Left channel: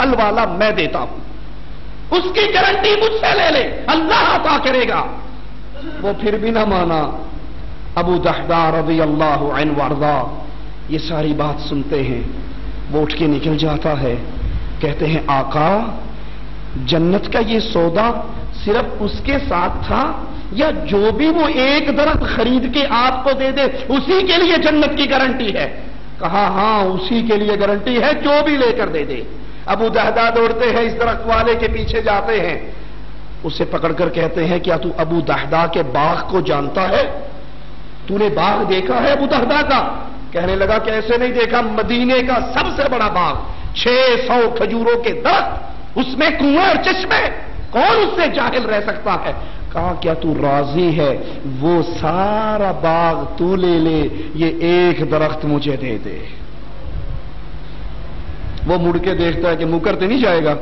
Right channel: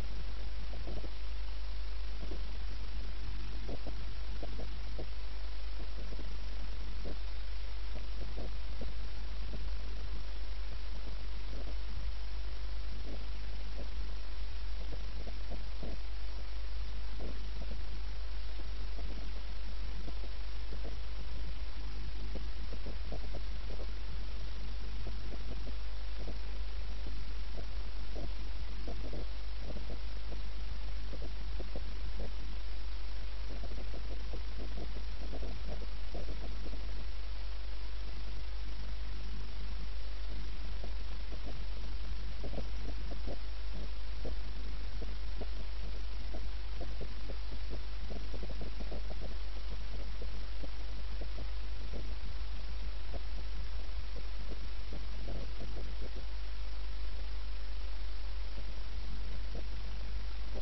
پھل والا میں دیتا ہوں، اس کی گارنٹی مجھ سے لے لے، اللہ عطا کرے گا۔ وہ پھر بھی نہ مانا۔ ابو دحدہ رضی اللہ عنہ وارضا یہ ساری بات سنتے ہیں، وہ اٹھ کے نکل جاتا ہے، کہتے ہیں آقا جنت کا یہ سودا صرف اس کے ساتھ تھا یا جو بھی وہ ایک درخت خرید کے آپ کو دے دے اسی کے لیے جنت کی گارنٹی ہے؟ کہا ہاں اسی کے لیے گارنٹی ہے، جو بھی لے کر دے دے۔ ابو دحدہ دوڑتے ہیں، اس درخت والے کے پیچھے جاتے ہیں، اسے پکڑ کر کہتے ہیں کیا تو ابو دحدہ کے باغ کو جانتا ہے؟ تو نے باغ دیکھا ہے ابو دحدہ کا؟ کہنے لگا کہ ایسے نہیں دیکھا، مدینے کا سب سے بڑا باغ، 600 کھجوروں کے درخت، اس میں کنواں اور چشمے، کون اس سے جاہل رہ سکتا ہے؟ کہا کیا تو راضی ہے وہ سارا باغ تو لے لے، یہ ایک درخت مجھے دے دے۔ وہ مڑ کے دیکھتا ہے کہ مکر تو نہیں جائے گا؟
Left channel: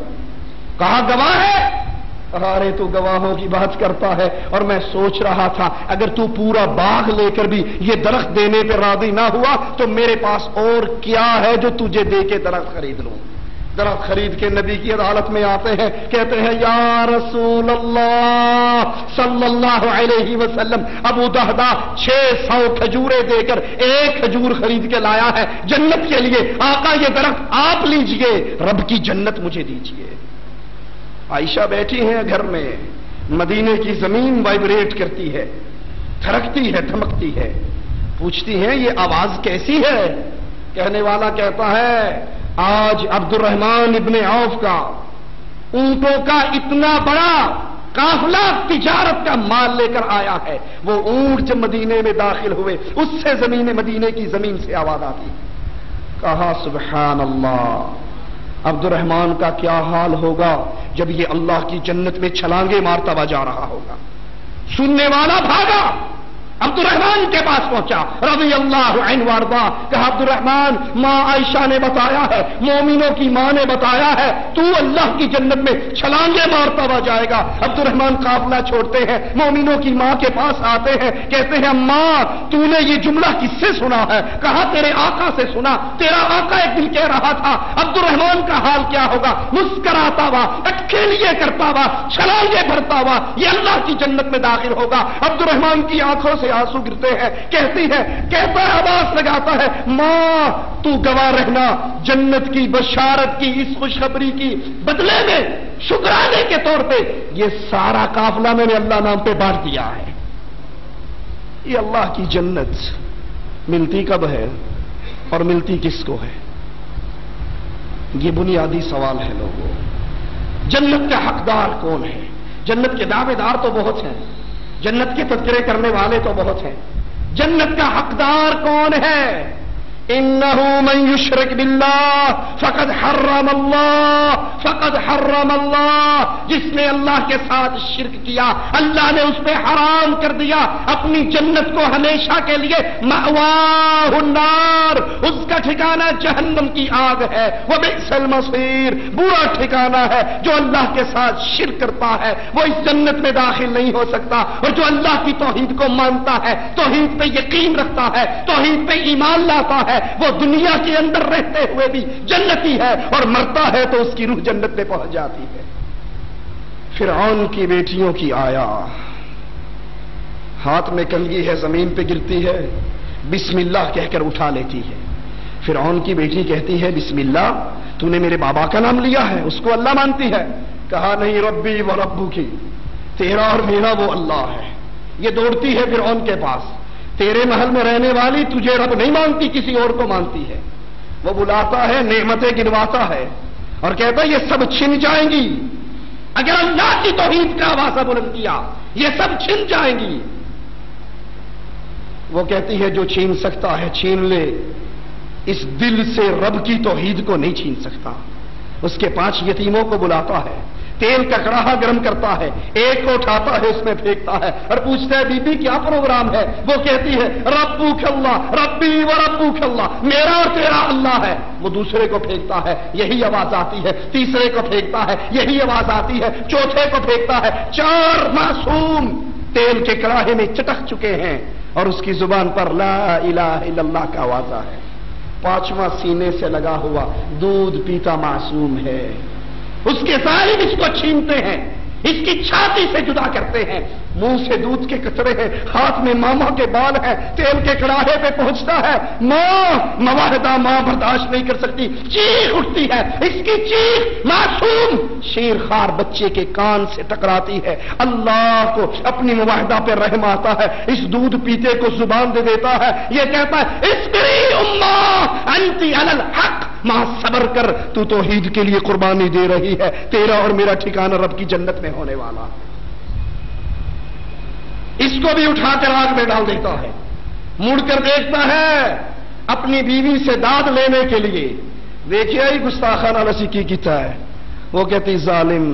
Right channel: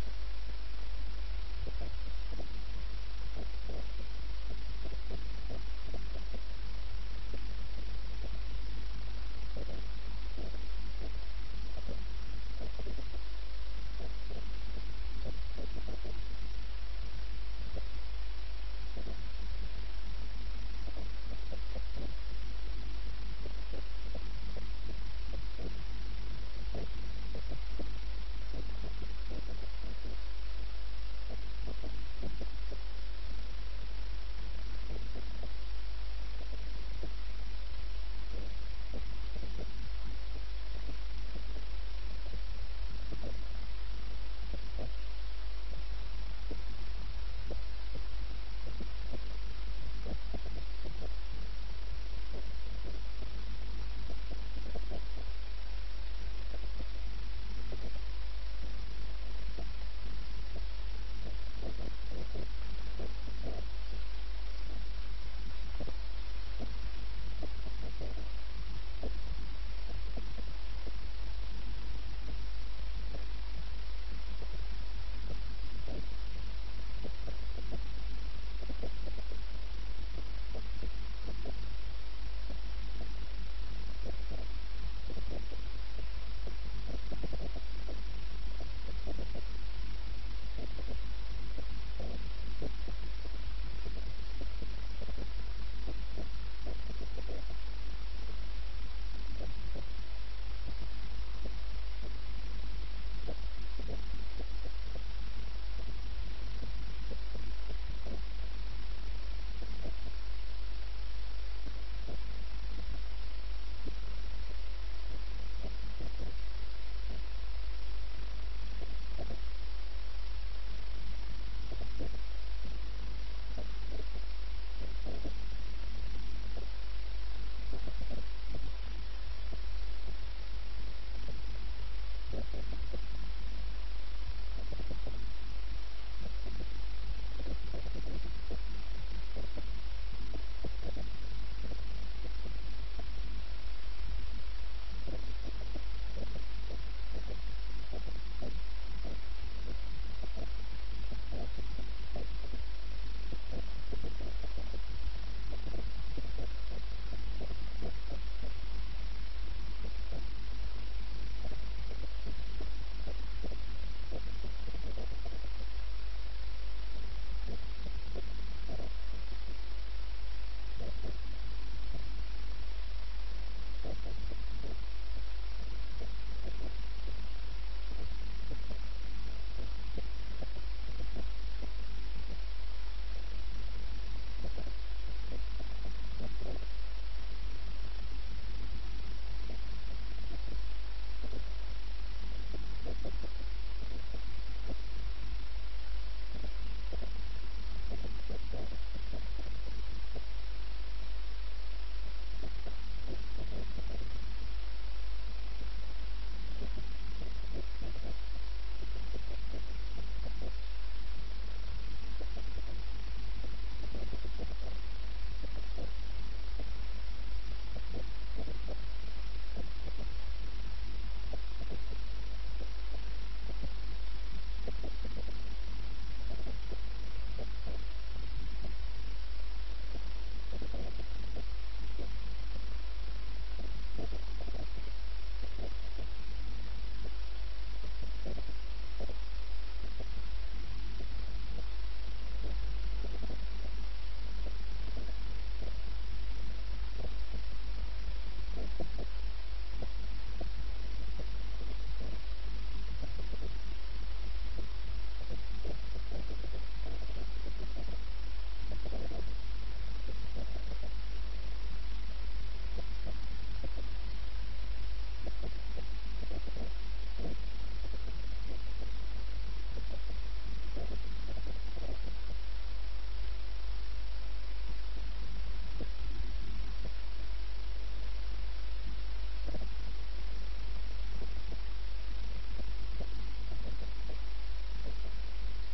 کہا گواہ ہے؟ ارے تو گواہوں کی بات کرتا ہے، اور میں سوچ رہا تھا اگر تو پورا باغ لے کر بھی یہ درخت دینے پہ راضی نہ ہوا تو میرے پاس اور کیا ہے جو تجھے دے کے درخت خرید لوں۔ درخت خرید کے نبی کی عدالت میں آتے ہیں، کہتے ہیں یا رسول اللہ صلی اللہ علیہ وسلم ابو دحدہ 600 کھجوریں دے کر ایک کھجور خرید کے لایا ہے جنت کے لیے، آقا یہ درخت آپ لیجئے، رب کی جنت مجھے دیجئے۔ عائشہ بیٹھی ہیں گھر میں، مدینے کی زمین وائبریٹ کرتی ہے، تھرکتی ہے، دھمکتی ہے، پوچھتی ہیں یہ آواز کیسی ہے؟ کہنے والا کہتا ہے آج عبد الرحمن ابن عوف کا اونٹوں کا اتنا بڑا قافلہ تجارت کا مال لے کر آیا ہے، وہ اونٹ جب مدینے میں داخل ہوئے اس سے مدینے کی زمین سے آواز آتی۔ کہا سبحان اللہ، عبد الرحمن کا کیا حال ہوگا جب یہ اللہ کی جنت میں چھلانگے مارتا ہوا جا رہا ہوگا۔ سننے والا بھاگا، عبد الرحمن کے پاس پہنچا رضی اللہ عنہ وارضا، کہا عبد الرحمن ماں عائشہ نے بتایا ہے، مومنوں کی ماں نے بتایا ہے تو اللہ کی جنت میں چھلانگے مارتا ہوا جائے گا۔ عبد الرحمن قافلہ چھوڑتے ہیں، مومنوں کی ماں کے پاس آتے ہیں، کہتے ہیں ماں تو نے یہ جملہ کس سے سنا ہے؟ کہا تیرے آقا سے سنا، تیرا آقا ایک دن کہہ رہا تھا عبد الرحمن کا حال کیا ہوگا، مسکراتا ہوا، اٹکے لیے کرتا ہوا، چھلانگے بھرتا ہوا، یہ اللہ کی جنت میں داخل ہوگا۔ عبد الرحمن کی آنکھوں سے آنسو گرتے ہیں، کہتی ہے، کہتا ہے، آواز لگاتا ہے ماں تو گواہ رہنا، جنت کی بشارت کی اس خوشخبری کی بدلے میں شکرانے کے طور پہ یہ سارا قافلہ میں نے اللہ نام پہ بانٹ دیا ہے۔ یہ اللہ کی جنت ملتی کب ہے اور ملتی کس کو ہے؟ یہ بنیادی سوال ہے لوگوں۔ جنت کا حقدار کون ہے؟ جنت کے دعوے دار تو بہت ہیں، جنت کے تذکرے کرنے والے تو بہت ہیں، جنت کا حقدار کون ہے؟ انہ من یشرک باللہ فقد حرم اللہ، جس نے اللہ کے ساتھ شرک کیا اللہ نے اس پہ حرام کر دیا اپنی جنت کو ہمیشہ کے لیے، مأواہ النار، اس کا ٹھکانہ جہنم کی آگ ہے، وبئس المصیر، برا ٹھکانہ ہے۔ جو اللہ کے ساتھ شرک کرتا ہے وہ اس جنت میں داخل نہیں ہو سکتا، اور جو اللہ کی توحید کو مانتا ہے، توحید پہ یقین رکھتا ہے، توحید پہ ایمان لاتا ہے، وہ دنیا کے اندر رہتے ہوئے بھی جنتی ہے، اور مرتا ہے تو اس کی روح جنت میں پہنچ جاتی ہے۔ فرعون کی بیٹیوں کی آیا، ہاتھ میں کنگھی ہے، زمین پہ گرتی ہے، بسم اللہ کہہ کر اٹھا لیتی ہے۔ فرعون کی بیٹی کہتی ہے بسم اللہ، تو نے میرے بابا کا نام لیا ہے، اس کو اللہ مانتی ہے؟ کہا نہیں، ربی و ربو کی، تیرا اور میرا وہ اللہ ہے۔ یہ دوڑتی ہے فرعون کے پاس، تیرے محل میں رہنے والی تجھے رب نہیں مانتی، کسی اور کو مانتی ہے۔ وہ بلاتا ہے، نعمتیں گنواتا ہے اور کہتا ہے یہ سب چھن جائیں گی اگر اللہ کی توحید کا آوازہ بلند کیا، یہ سب چھن جائیں گی۔ وہ کہتی ہے جو چھین سکتا ہے چھین لے، اس دل سے رب کی توحید کو نہیں چھین سکتا۔ اس کے 5 یتیموں کو بلاتا ہے، تیل کا کڑاہا گرم کرتا ہے، ایک کو اٹھاتا ہے اس میں پھینکتا ہے اور پوچھتا ہے بی بی کیا پروگرام ہے؟ وہ کہتی ہے ربک اللہ، ربی و ربک اللہ، میرا اور تیرا اللہ ہے۔ وہ دوسرے کو پھینکتا ہے، یہی آواز آتی ہے، تیسرے کو پھینکتا ہے، یہی آواز آتی ہے، چوتھے کو پھینکتا ہے۔ 4 معصوم تیل کے کڑاہے میں چٹک چکے ہیں اور اس کی زبان پر لا الہ الا اللہ کا آوازہ ہے۔ 5واں سینے سے لگا ہوا دودھ پیتا معصوم ہے، اس کے ظالم اس کو چھینتے ہیں، اس کی چھاتی سے جدا کرتے ہیں، منہ سے دودھ کے قطرے ہیں، ہاتھ میں ماما کے بال ہیں، تیل کے کڑاہے پہ پہنچتا ہے، ماں مواہدہ ماں برداشت نہیں کر سکتی، چیخ اٹھتی ہے، اس کی چیخ معصوم شیر خوار بچے کے کان سے ٹکراتی ہے، اللہ کو اپنی مواہدہ پہ رحم آتا ہے، اس دودھ پیتے کو زبان دے دیتا ہے، یہ کہتا ہے اصبری اماں انتی علی الحق، ماں صبر کر، تو توحید کے لیے قربانی دے رہی ہے، تیرا اور میرا ٹھکانہ رب کی جنت میں ہونے والا۔ اس کو بھی اٹھا کر آگ میں ڈال دیتا ہے، مڑ کر دیکھتا ہے اپنی بیوی سے داد لینے کے لیے، دیکھیے ہی گستاخانہ نسی کی کیتا ہے، وہ کہتی ظالم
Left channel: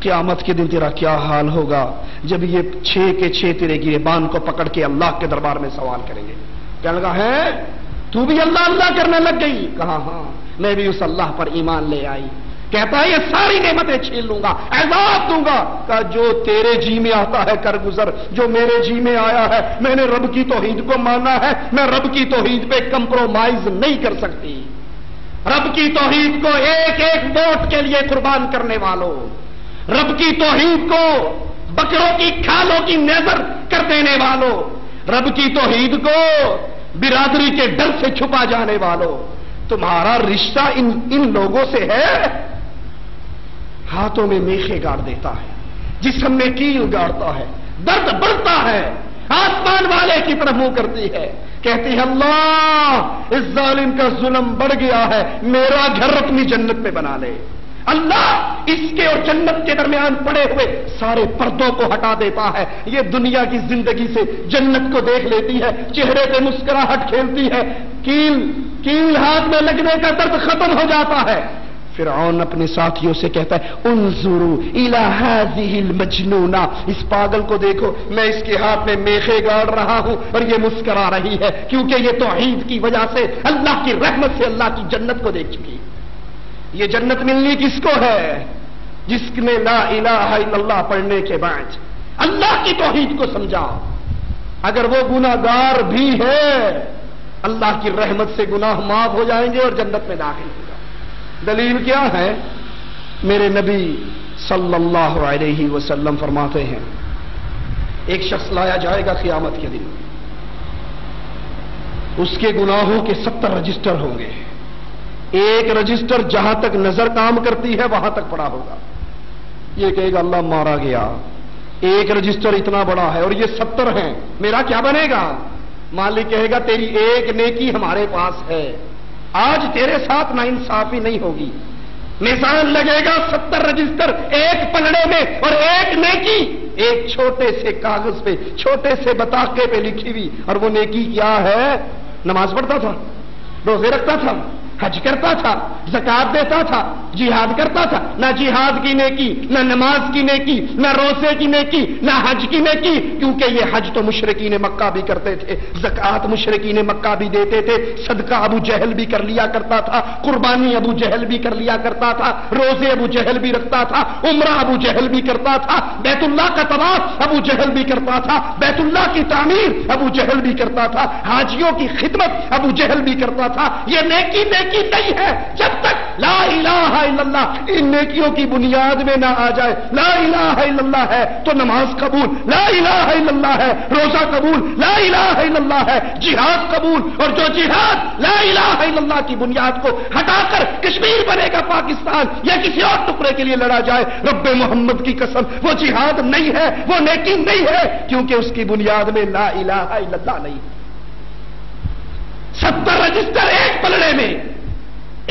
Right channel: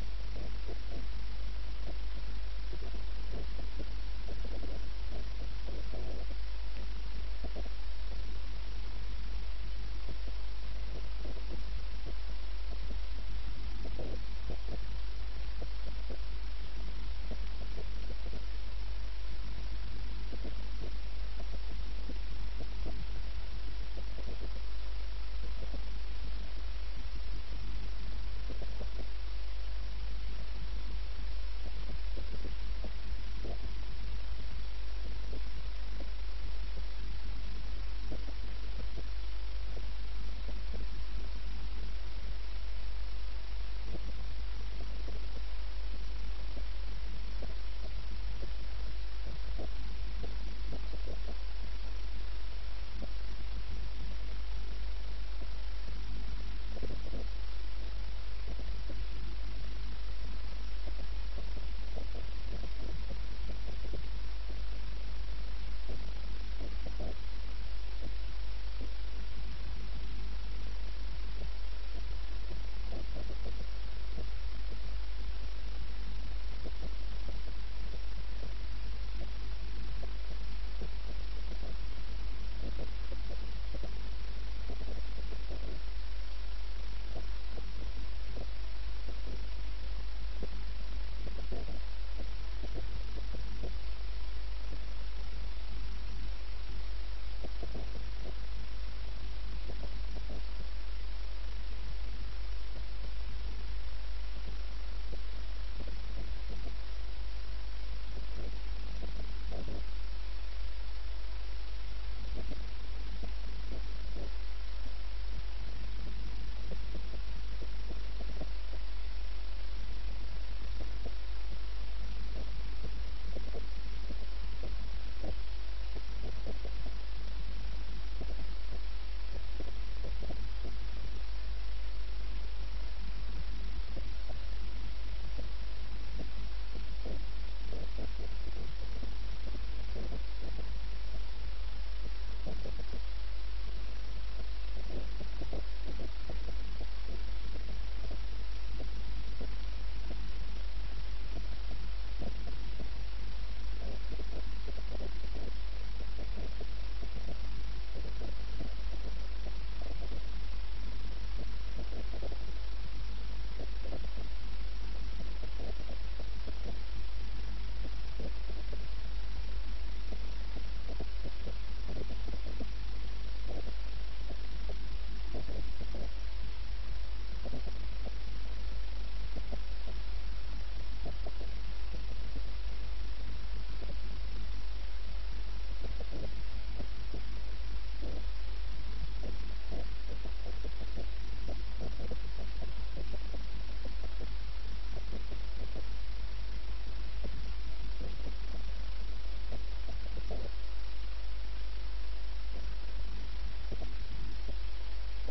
قیامت کے دن تیرا کیا حال ہوگا جب یہ 6 کے 6 تیرے گریبان کو پکڑ کے اللہ کے دربار میں سوال کریں گے۔ کہنے لگا ہے تو بھی اللہ اللہ کرنے لگ گئی؟ کہا ہاں میں بھی اس اللہ پر ایمان لے آئی۔ کہتا ہے یہ ساری نعمتیں چھین لوں گا، عذاب دوں گا۔ کہا جو تیرے جی میں آتا ہے کر گزر، جو میرے جی میں آیا ہے، میں نے رب کی توحید کو مانا ہے، میں رب کی توحید پہ کمپرومائز نہیں کر سکتی۔ رب کی توحید کو ایک ایک ووٹ کے لیے قربان کرنے والوں، رب کی توحید کو بکروں کی کھالوں کی نظر کر دینے والوں، رب کی توحید کو برادری کے ڈر سے چھپا جانے والوں، تمہارا رشتہ ان لوگوں سے ہے؟ ہاتھوں میں میخے گاڑ دیتا ہے، جسم میں کیل گاڑتا ہے، درد بڑھتا ہے، آسمان والے کی طرف منہ کرتی ہے، کہتی ہے اللہ اس ظالم کا ظلم بڑھ گیا ہے، میرا گھر اپنی جنت میں بنا لے۔ اللہ اس کے اور جنت کے درمیان پڑے ہوئے سارے پردوں کو ہٹا دیتا ہے، یہ دنیا کی زندگی سے جنت کو دیکھ لیتی ہے، چہرے پہ مسکراہٹ کھیلتی ہے، کیل ہاتھ میں لگنے کا درد ختم ہو جاتا ہے۔ فرعون اپنے ساتھیوں سے کہتا ہے انظروا الی ہذہ المجنونہ، اس پاگل کو دیکھو، میں اس کے ہاتھ میں میخے گاڑ رہا ہوں اور یہ مسکرا رہی ہے، کیونکہ یہ توحید کی وجہ سے اللہ کی رحمت سے اللہ کی جنت کو دیکھ چکی۔ یہ جنت ملنی کس کو ہے؟ جس نے لا الہ الا اللہ پڑھنے کے بعد اللہ کی توحید کو سمجھا۔ اگر وہ گناہگار بھی ہے، اللہ کی رحمت سے گناہ معاف ہو جائیں گے اور جنت میں داخل ہو جائیں گے۔ دلیل کیا ہے؟ میرے نبی صلی اللہ علیہ وسلم فرماتے ہیں ایک شخص لایا جائے گا قیامت کے دن، اس کے گناہوں کے 70 رجسٹر ہوں گے، ایک رجسٹر جہاں تک نظر کام کرتی ہے وہاں تک پڑا ہوگا، یہ کہے گا اللہ مارا گیا، ایک رجسٹر اتنا بڑا ہے اور یہ 70 ہیں، میرا کیا بنے گا؟ مالک کہے گا تیری ایک نیکی ہمارے پاس ہے، آج تیرے ساتھ ناانصافی نہیں ہوگی۔ میزان لگے گا 70 رجسٹر ایک پلڑے میں، اور ایک نیکی ایک چھوٹے سے کاغذ پہ، چھوٹے سے بطاقے پہ لکھی ہوئی، اور وہ نیکی کیا ہے؟ نماز پڑھتا تھا، روزے رکھتا تھا، حج کرتا تھا، زکات دیتا تھا، جہاد کرتا تھا، نہ جہاد کی نیکی، نہ نماز کی نیکی، نہ روزے کی نیکی، نہ حج کی نیکی، کیونکہ یہ حج تو مشرکین مکہ بھی کرتے تھے، زکات مشرکین مکہ بھی دیتے تھے، صدقہ ابو جہل بھی کر لیا کرتا تھا، قربانی ابو جہل بھی کر لیا کرتا تھا، روزے ابو جہل بھی رکھتا تھا، عمرہ ابو جہل بھی کرتا تھا، بیت اللہ کا طواف ابو جہل بھی کرتا تھا، بیت اللہ کی تعمیر ابو جہل بھی کرتا تھا، حاجیوں کی خدمت ابو جہل بھی کرتا تھا۔ یہ نیکی نہیں ہے جب تک لا الہ الا اللہ ان نیکیوں کی بنیاد میں نہ آ جائے۔ لا الہ الا اللہ ہے تو نماز قبول، لا الہ الا اللہ ہے روزہ قبول، لا الہ الا اللہ ہے جہاد قبول، اور جو جہاد لا الہ الا اللہ کی بنیاد کو ہٹا کر کشمیر بنے گا پاکستان یا کسی اور ٹکڑے کے لیے لڑا جائے، رب محمد کی قسم وہ جہاد نہیں ہے، وہ نیکی نہیں ہے، کیونکہ اس کی بنیاد میں لا الہ الا اللہ نہیں۔ 70 رجسٹر ایک پلڑے میں،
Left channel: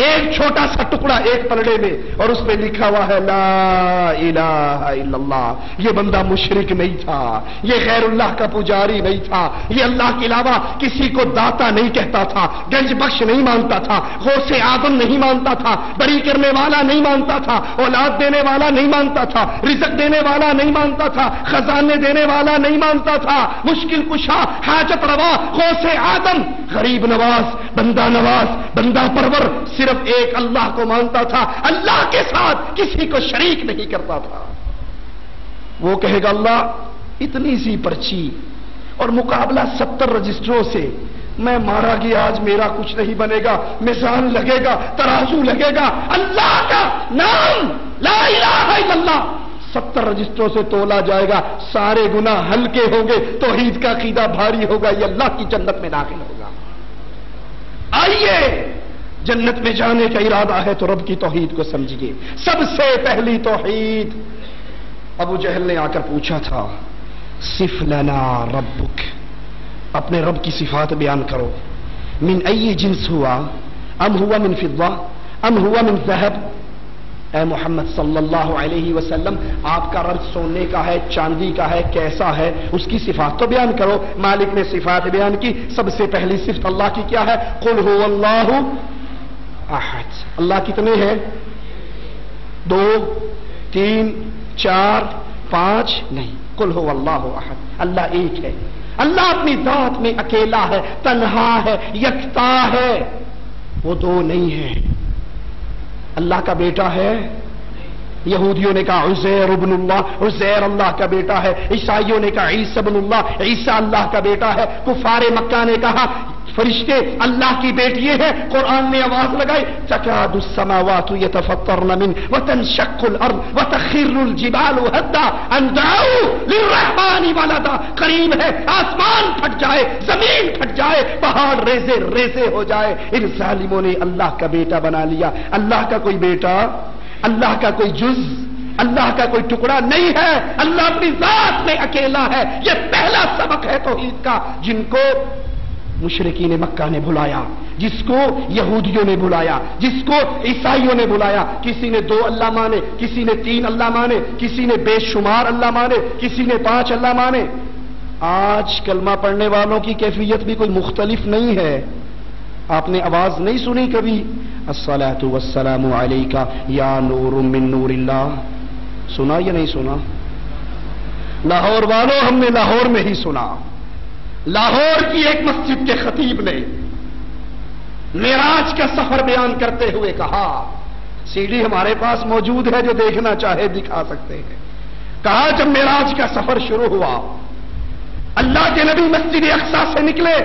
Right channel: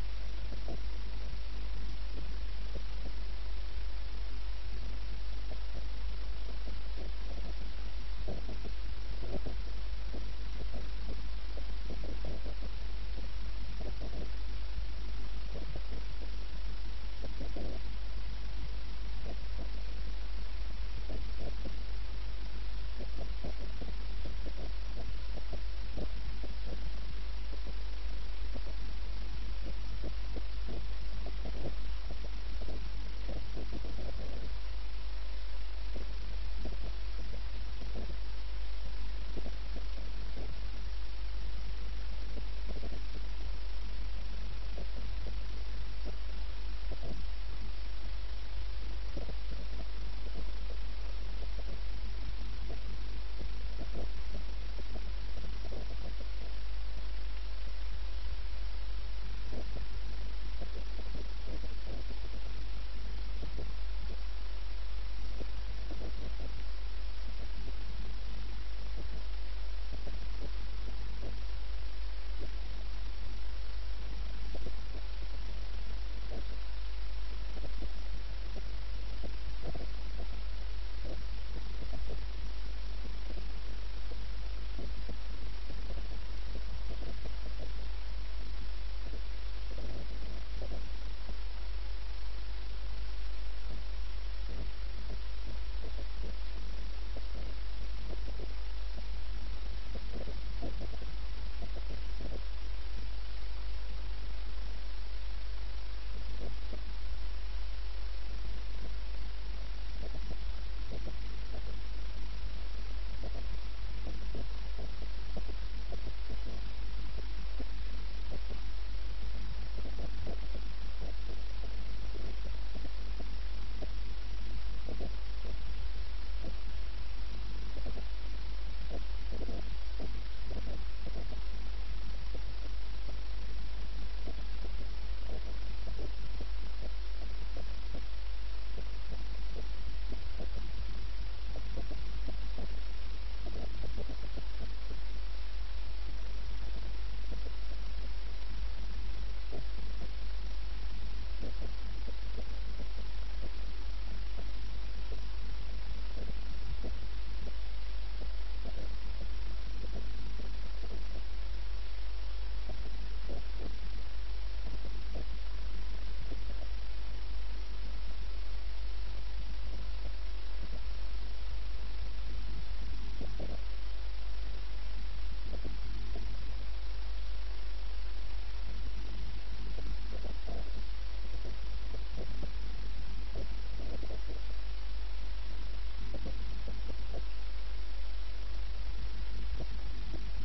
ایک چھوٹا سا ٹکڑا ایک پلڑے میں، اور اس پہ لکھا ہوا ہے لا الہ الا اللہ۔ یہ بندہ مشرک نہیں تھا، یہ غیر اللہ کا پجاری نہیں تھا، یہ اللہ کے علاوہ کسی کو داتا نہیں کہتا تھا، گنج بخش نہیں مانتا تھا، غوث اعظم نہیں مانتا تھا، بری کرنے والا نہیں مانتا تھا، اولاد دینے والا نہیں مانتا تھا، رزق دینے والا نہیں مانتا تھا، خزانے دینے والا نہیں مانتا تھا، مشکل کشا، حاجت روا، غوث اعظم، غریب نواز، بندہ پرور، صرف ایک اللہ کو مانتا تھا، اللہ کے ساتھ کسی کو شریک نہیں کرتا تھا۔ وہ کہے گا اللہ اتنی سی پرچی اور مقابلہ 70 رجسٹروں سے، میں مارا گیا آج میرا کچھ نہیں بنے گا، میزان لگے گا، ترازو لگے گا، اللہ کا نام لا الہ الا اللہ 70 رجسٹروں سے تولا جائے گا، سارے گناہ ہلکے ہوں گے، توحید کا عقیدہ بھاری ہوگا، یہ اللہ کی جنت میں داخل ہوگا۔ آئیے جنت میں جانے کا ارادہ ہے تو رب کی توحید کو سمجھیے۔ سب سے پہلی توحید، ابو جہل نے آ کر پوچھا تھا صف لنا ربک، اپنے رب کی صفات بیان کرو، من ای جنس ہوا، ام ہوا من فضہ ام ہوا من ذہب۔ اے محمد صلی اللہ علیہ وسلم، آپ کا رب سونے کا ہے، چاندی کا ہے، کیسا ہے، اس کی صفات تو بیان کرو۔ مالک نے صفات بیان کی۔ سب سے پہلی صفت اللہ کی کیا ہے؟ قل هو اللہ احد۔ اللہ کتنے ہیں؟ 2 3 4 5 نہیں، قل هو اللہ احد، اللہ ایک ہے۔ اللہ اپنی ذات میں اکیلا ہے، تنہا ہے، یکتا ہے، وہ 2 نہیں ہے۔ اللہ کا بیٹا ہے، یہودیوں نے کہا عزیر ابن اللہ، عزیر اللہ کا بیٹا ہے، عیسائیوں نے کہا عیسی ابن اللہ، عیسی اللہ کا بیٹا ہے، کفار مکہ نے کہا فرشتے اللہ کی بیٹیے ہیں۔ قرآن نے آواز لگائی تکاد السماوات یتفطرن من وتنشق الارض وتخر الجبال هدا ان دعوا للرحمن ولدا، قریب ہے آسمان پھٹ جائے، زمین پھٹ جائے، پہاڑ ریزے ریزے ہو جائے۔ ان ظالموں نے اللہ کا بیٹا بنا لیا۔ اللہ کا کوئی بیٹا، اللہ کا کوئی جز، اللہ کا کوئی ٹکڑا نہیں ہے۔ اللہ اپنی ذات میں اکیلا ہے۔ یہ پہلا سبق ہے توحید کا، جن کو مشرکین مکہ نے بلایا، جس کو یہودیوں نے بلایا، جس کو عیسائیوں نے بلایا۔ کسی نے 2 اللہ مانے، کسی نے 3 اللہ مانے، کسی نے بے شمار اللہ مانے، کسی نے 5 اللہ مانے۔ آج کلمہ پڑھنے والوں کی کیفیت بھی کوئی مختلف نہیں ہے۔ آپ نے آواز نہیں سنی کبھی الصلاۃ والسلام علیک یا نور من نور اللہ؟ سنا یا نہیں سنا؟ لاہور والوں، ہم نے لاہور میں ہی سنا۔ لاہور کی ایک مسجد کے خطیب نے معراج کا سفر بیان کرتے ہوئے کہا، سی ڈی ہمارے پاس موجود ہے، جو دیکھنا چاہے دکھا سکتے ہیں۔ کہا جب معراج کا سفر شروع ہوا، اللہ کے نبی مسجد اقصی سے نکلے،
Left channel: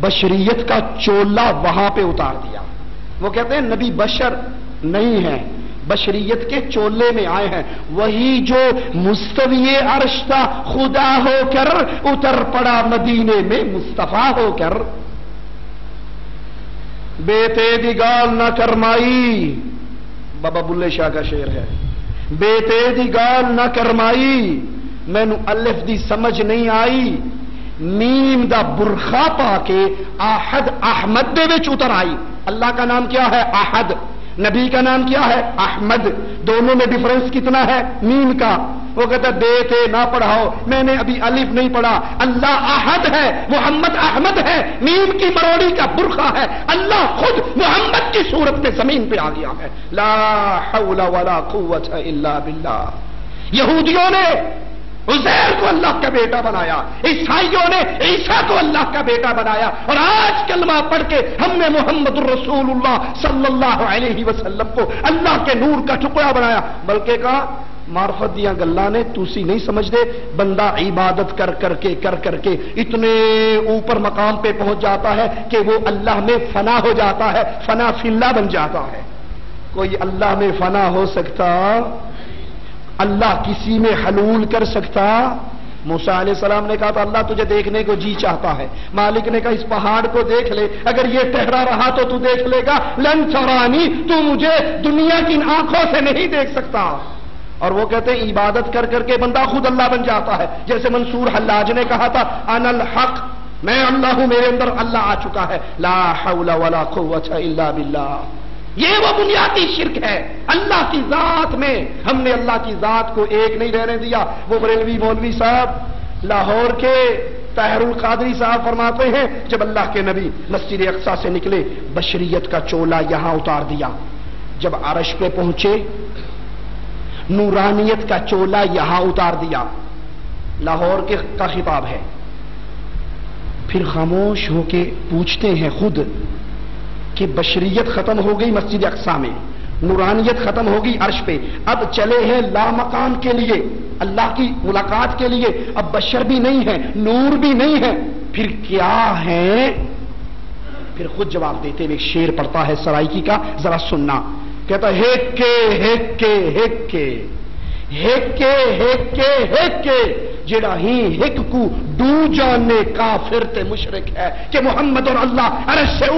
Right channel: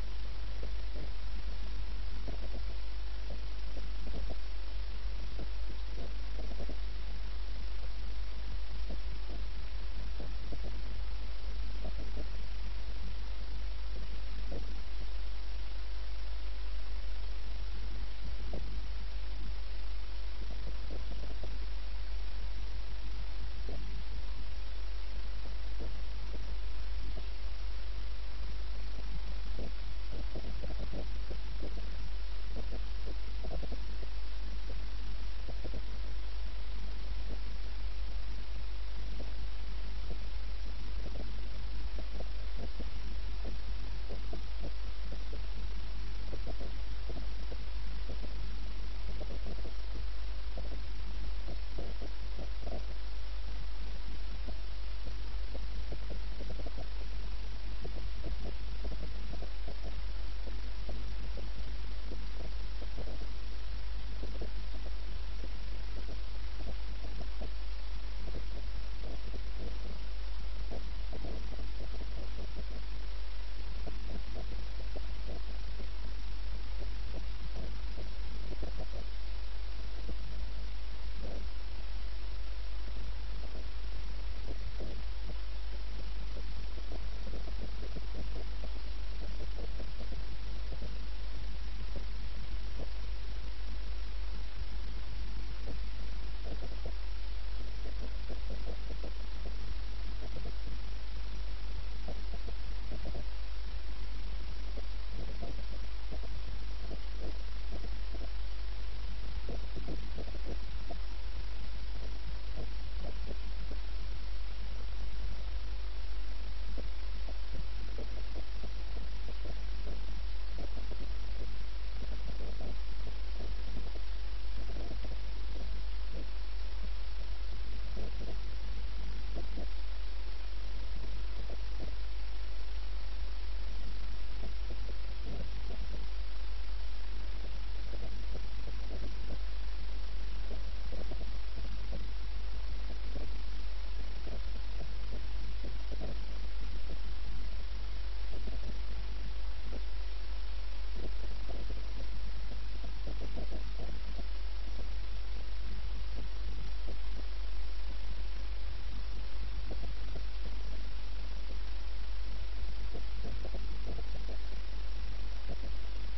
بشریت کا چولا وہاں پہ اتار دیا۔ وہ کہتے ہیں نبی بشر نہیں ہے، بشریت کے چولے میں آئے ہیں۔ وہی جو مستوی عرش تھا خدا ہو کر اتر پڑا مدینے میں مصطفیٰ ہو کر۔ بیتے دی گال نہ کرمائی، بابا بلے شاہ کا شعر ہے، بیتے دی گال نہ کرمائی، مینوں الف دی سمجھ نہیں آئی، میم دا برخا پا کے احد احمد دے وچ اتر آئی۔ اللہ کا نام کیا ہے؟ احد۔ نبی کا نام کیا ہے؟ احمد۔ دونوں میں ڈفرنس کتنا ہے؟ میم کا۔ وہ کہتا دے تھے نہ پڑھاؤ، میں نے ابھی الف نہیں پڑھا۔ اللہ احد ہے، محمد احمد ہے، میم کی مروڑی کا برخا ہے۔ اللہ خود محمد کی صورت میں زمین پہ آ گیا ہے۔ لا حول ولا قوت الا باللہ۔ یہودیوں نے عزیر کو اللہ کا بیٹا بنایا، عیسائیوں نے عیسیٰ کو اللہ کا بیٹا بنایا، اور آج کلمہ پڑھ کے ہم نے محمد الرسول اللہ صلی اللہ علیہ وسلم کو اللہ کے نور کا ٹکڑا بنایا۔ بلکہ کہا معرفت دیا گلاں نے تسی نہیں سمجھ دے، بندہ عبادت کر کر کے اتنے اوپر مقام پہ پہنچ جاتا ہے کہ وہ اللہ میں فنا ہو جاتا ہے، فنا فی اللہ بن جاتا ہے۔ کوئی اللہ میں فنا ہو سکتا؟ اللہ کسی میں حلول کر سکتا؟ موسیٰ علیہ السلام نے کہا تو اللہ تجھے دیکھنے کو جی چاہتا ہے۔ مالک نے کہا اس پہاڑ کو دیکھ لے، اگر یہ ٹہرا رہا تو تو دیکھ لے گا، لن ترانی، تو مجھے دنیا کی آنکھوں سے نہیں دیکھ سکتا۔ اور وہ کہتے ہیں عبادت کر کے بندہ خود اللہ بن جاتا ہے۔ جیسے منصور حلاج نے کہا تھا انا الحق، میں اللہ ہوں، میرے اندر اللہ آ چکا ہے۔ لا حول ولا قوت الا باللہ۔ یہ وہ بنیادی شرک ہے اللہ کی ذات میں۔ ہم نے اللہ کی ذات کو ایک نہیں رہنے دیا۔ وہ بریلوی مولوی صاحب لاہور کے طاہر القادری صاحب فرماتے ہیں جب اللہ کے نبی مسجد اقصی سے نکلے، بشریت کا چولا یہاں اتار دیا۔ جب عرش پہ پہنچے، نورانیت کا چولا یہاں اتار دیا۔ لاہور کے کا خطاب ہے۔ پھر خاموش ہو کے پوچھتے ہیں خود کہ بشریت ختم ہو گئی مسجد اقصی میں، نورانیت ختم ہوگی عرش پہ، اب چلے ہیں لا مقام کے لیے، اللہ کی ملاقات کے لیے۔ اب بشر بھی نہیں ہے، نور بھی نہیں ہے، پھر کیا ہے؟ پھر خود جواب دیتے ہوئے ایک شعر پڑھتا ہے سرائکی کا، ذرا سننا. کہتا ہے ہیکے جڑا ہی ہک کو ڈو جانے کافر تے مشرک ہے کہ محمد اور اللہ عرش سے